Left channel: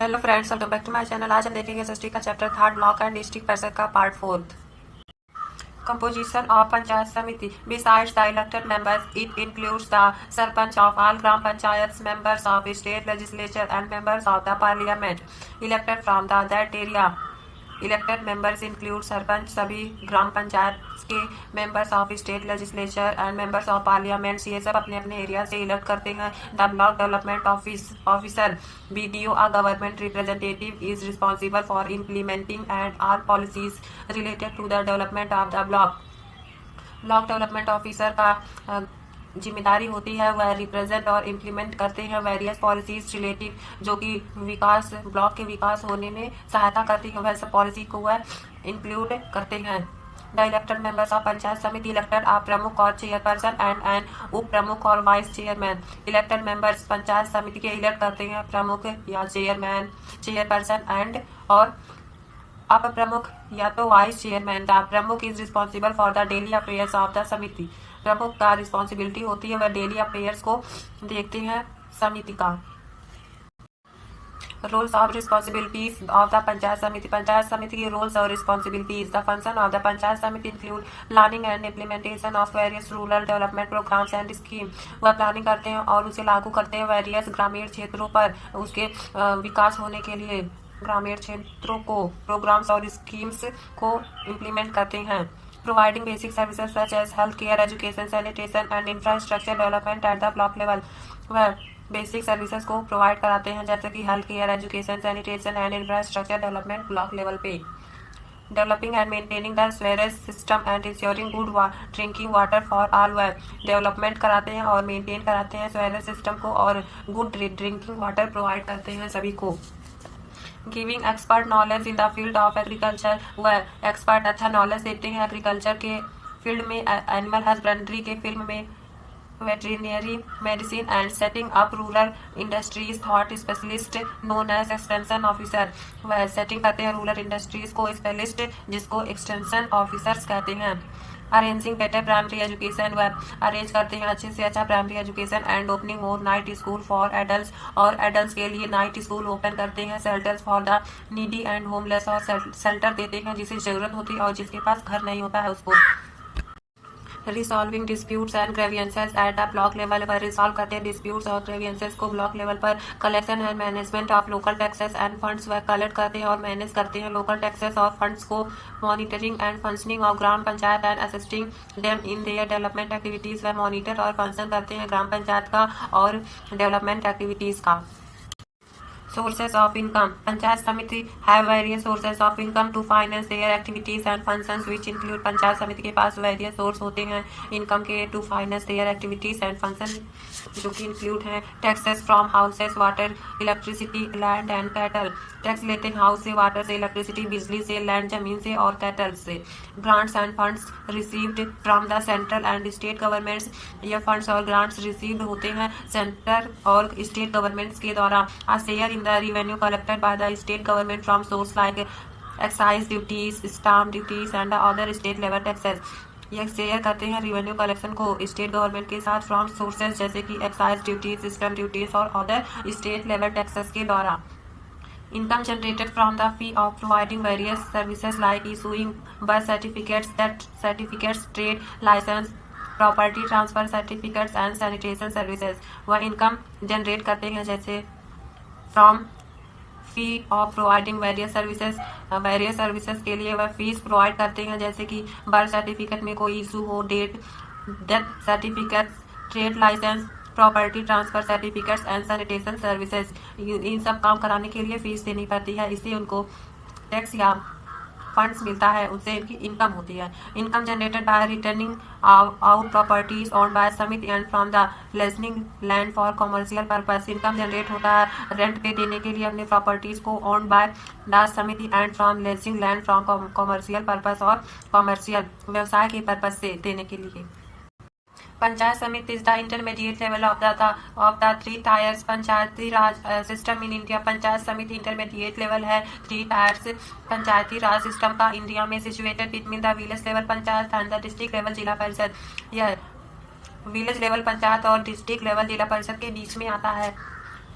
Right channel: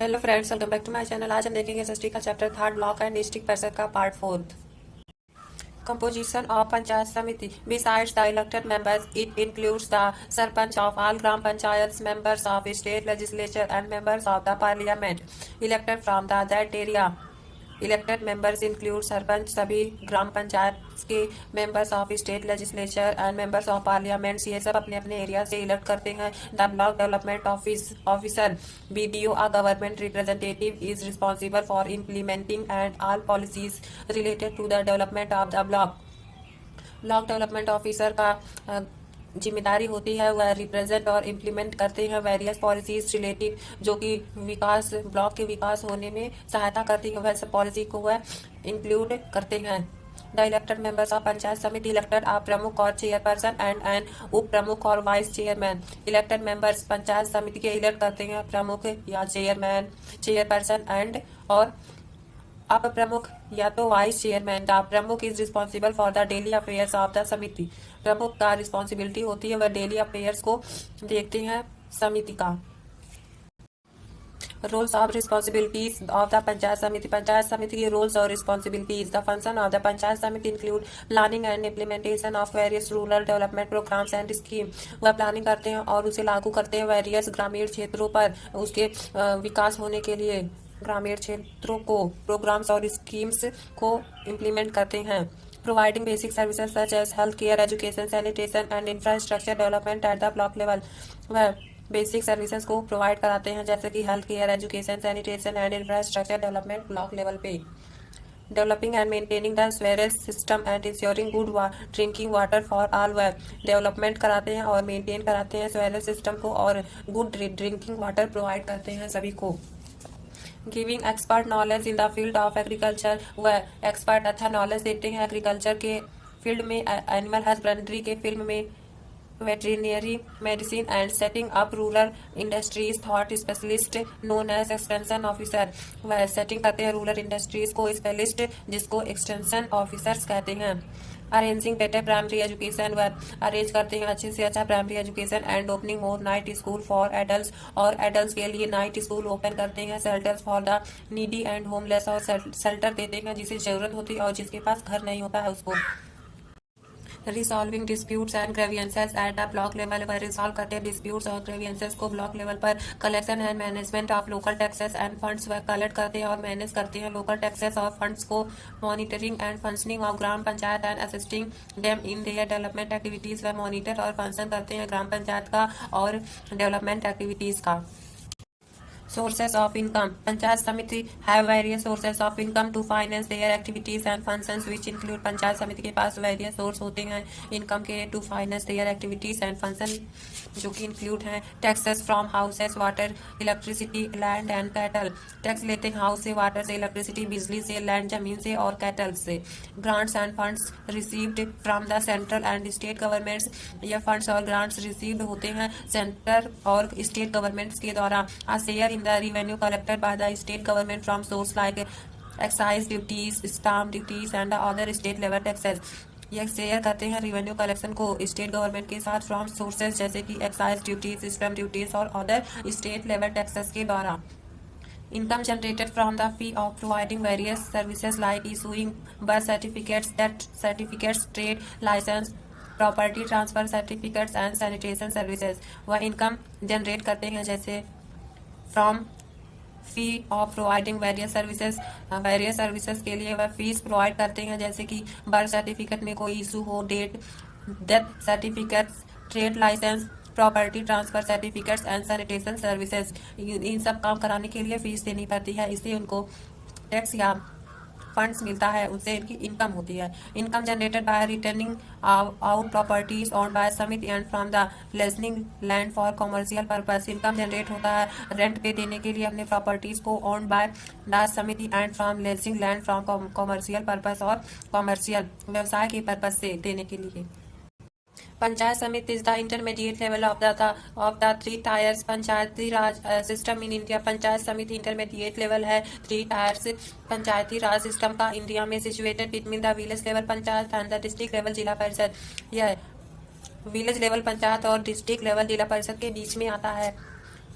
Hello friends, welcome back to my channel. आज हम देखेंगे एसएसटी का chapter third block and district parishad का part fourth. Composition of Panchayat Samiti. Besides the elected members, it includes the Sarpanch of all Gram Panchayats, members of state legislature and members of the parliament elected from that area. Elected members include sarpanch, सभी ग्राम पंचायत के members of state legislature and members of parliaments, ये सब अपने अपने area से elect करते हैं। The block development officer BDO, a government representative, is responsible for implementing and all policies related to the development of the block. Block development officer का जिम्मेदारी होती है वह रिप्रेजेंट और इम्प्लीमेंट करते हैं वेरियस पॉलिसीज रिलेटिव, जो कि विकास ब्लॉक के विकास होने में सहायता करती है, वह सब पॉलिसी को वह इंक्लूड करते हैं। The elected members of panchayat समिति इलेक्टेड आ प्रमुख और चेयरपर्सन एंड एन उप प्रमुख और vice chairman. Elected members panchayat समिति के इलेक्ट करते हैं प्रमुख या चेयरमैन, चेयरपर्सन एंड और अप प्रमुख या तो वाइस चेयरमैन। द प्रमुख is responsible for the daily affairs of the समिति। प्रमुख का रिस्पॉन्सिबिलिटी होती है वह डेली अफेयर्स को देखते हैं समिति का। Roles of responsibilities of the panchayat samiti. Panchayat samiti की रोल्स और responsibilities. The function of the panchayat samiti include planning and implementation of various rural development programmes and scheme. वह प्लानिंग करते हैं और उसे लागू करते हैं वेरियस ग्रामीण क्षेत्रों पर उसके विकास होने के लिए ग्रामीण क्षेत्रों को प्रोग्राम्स और स्कीम्स को इम्प्लीमेंट करते हैं। Providing basic services such as health care, education, sanitation and infrastructure development at the block level. वह बेसिक सर्विसेज को प्रोवाइड कराते हैं जैसे कि health care, education, sanitation and infrastructure development block level पे। Developing and maintaining the sewerage system and ensuring good drinking water for all. वह development कराते हैं और मेंटेन कराते हैं स्वेरेज सिस्टम को और गुड ड्रिंकिंग वाटर प्रोवाइड करते हैं सभी को। Giving expert knowledge in the field of agriculture. वह एक्सपर्ट अच्छा नॉलेज देते हैं एग्रीकल्चर के फील्ड में, एनिमल हस्बेंड्री के फील्ड में, veterinary medicine and setting up rural industries thought specialist known as extension officer. वह सेटिंग करते हैं रूरल इंडस्ट्रीज को स्पेशलिस्ट जिसको एक्सटेंशन ऑफिसर्स कहते हैं। Arranging better primary education. वह अरेंज करते हैं अच्छे से अच्छा primary education and opening more night school for adult, और एडल्ट के लिए नाइट स्कूल ओपन करते हैं। Shelters for the needy and homeless, और शेल्टर देते हैं जिसे जरूरत होती है और जिसके पास घर नहीं होता है उसको। Resolving disputes and grievances eight the block level. वह रिसॉल्व करते हैं डिस्प्यूट्स और ग्रेवियंसेस को ब्लॉक लेवल पर। Collection and management of local taxes end funds. वह कलेक्ट करते हैं और मैनेज करते हैं लोकल टैक्सेस और फंड्स को। Monitoring and functioning of gram panchayat and assisting them in their development activities. वह मॉनिटर और फंक्शन करते हैं ग्राम पंचायत का और डेवलपमेंट एक्टिविटीज का। Sources of income. Panchayat Samiti have various sources of income to finance their activities and functions which include। Panchayat समिति के पास various source होते हैं इनकम के to finance their activities and function, जो कि इंक्लूड हैं taxes from houses, water, electricity, land and cattle. Tax लेते हैं हाउस से, वाटर से, इलेक्ट्रिसिटी बिजली से, लैंड जमीन से और कैटल से। Grants and funds received from the central and state governments. यह फंड्स और ग्रांट्स रिसीव्ड होते हैं सेंटर और स्टेट गवर्नमेंट्स के द्वारा। A share in the revenue collected by the state government from source like excise duties, stamp duties and other state level taxes। यह share करते हैं रिवेन्यू कलेक्शन को स्टेट गवर्नमेंट के साथ फ्रॉम सोर्सेज जैसे कि एक्साइज ड्यूटीज, स्टैम्प ड्यूटीज और other state level taxes के द्वारा। Income generated from the fee of providing various services like issuing birth certificates, death certificates, trade licence, property transfer certificates and sanitation services. वह income generate करते हैं जैसे from fee of providing various services के लिए वह fees provide करते हैं जैसे कि बर्थ सर्टिफिकेट में कोई इशू हो, death certificates, trade licence, property transfer certificates and sanitation services. इन सब काम कराने के लिए फीस देनी पड़ती है, इससे उनको टैक्स या फंड्स मिलता है, उनसे इनकी इनकम होती है। Income generated by returning out properties owned by samiti and from the leasing land for commercial purpose. Income generate होता है रेंट पे देने के लिए अपने प्रॉपर्टीज को ओन्ड बाय द समिति and from lazing land from commercial purpose, और कॉमर्शियल व्यवसाय के पर्पज से देने के लिए। पंचायत समिति is the intermediate level of the three tyres Panchayati Raj system in India. Panchayat समिति इंटरमीडिएट लेवल है थ्री टायर्स पंचायती राज सिस्टम का इंडिया में, situated between the village level panchayat and the district level जिला परिषद। यह विलेज लेवल पंचायत और डिस्ट्रिक्ट लेवल जिला परिषद के बीच में आता है।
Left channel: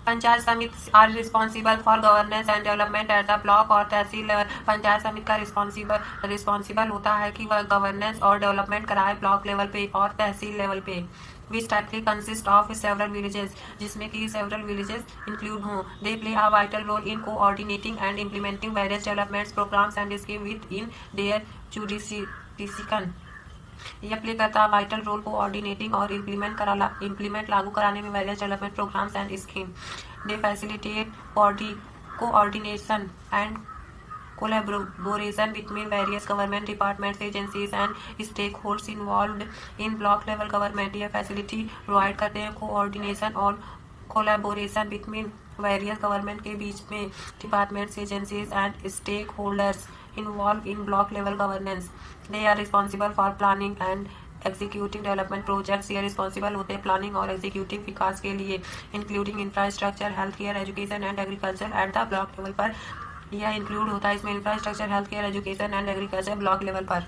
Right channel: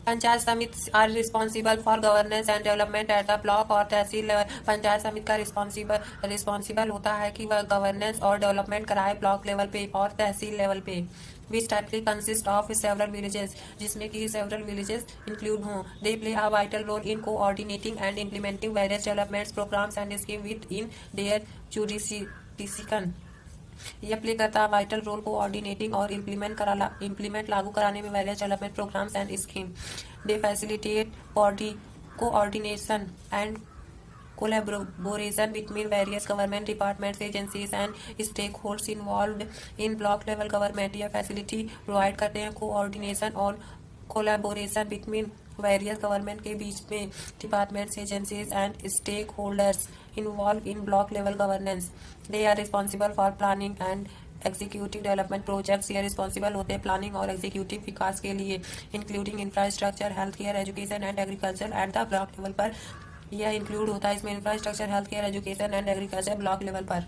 Panchayat samiti are responsible for governance and development at the block और तहसील लेवल। पंचायत समिति का रिस्पॉन्सिबल होता है कि वह गवर्नेंस और डेवलपमेंट कराए ब्लॉक लेवल पे और तहसील लेवल पे। Which typically consist of several villages, जिसमें कि सेवरल विलेजेस इंक्लूड हों। They play a vital role in coordinating and implementing various developments programmes and scheme within their jurisdiction. यह play करता है vital role coordinating और implement लागू कराने में various development programmes and scheme. They facilitate coordination and collaboration between various government departments, agencies and stakeholders involved in block level government। यह facility provide करते हैं कोऑर्डिनेशन और कोलैबोरेशन बिटवीन वेरियस गवर्नमेंट के बीच में departments, agencies and stakeholders involve in block level governance. They are responsible for planning and executive development projects. ये responsible होते हैं प्लानिंग और एग्जीक्यूटिव विकास के लिए, including infrastructure, health care, education and agriculture at the block level पर। यह include होता है इसमें infrastructure, health care, education and agriculture block level पर।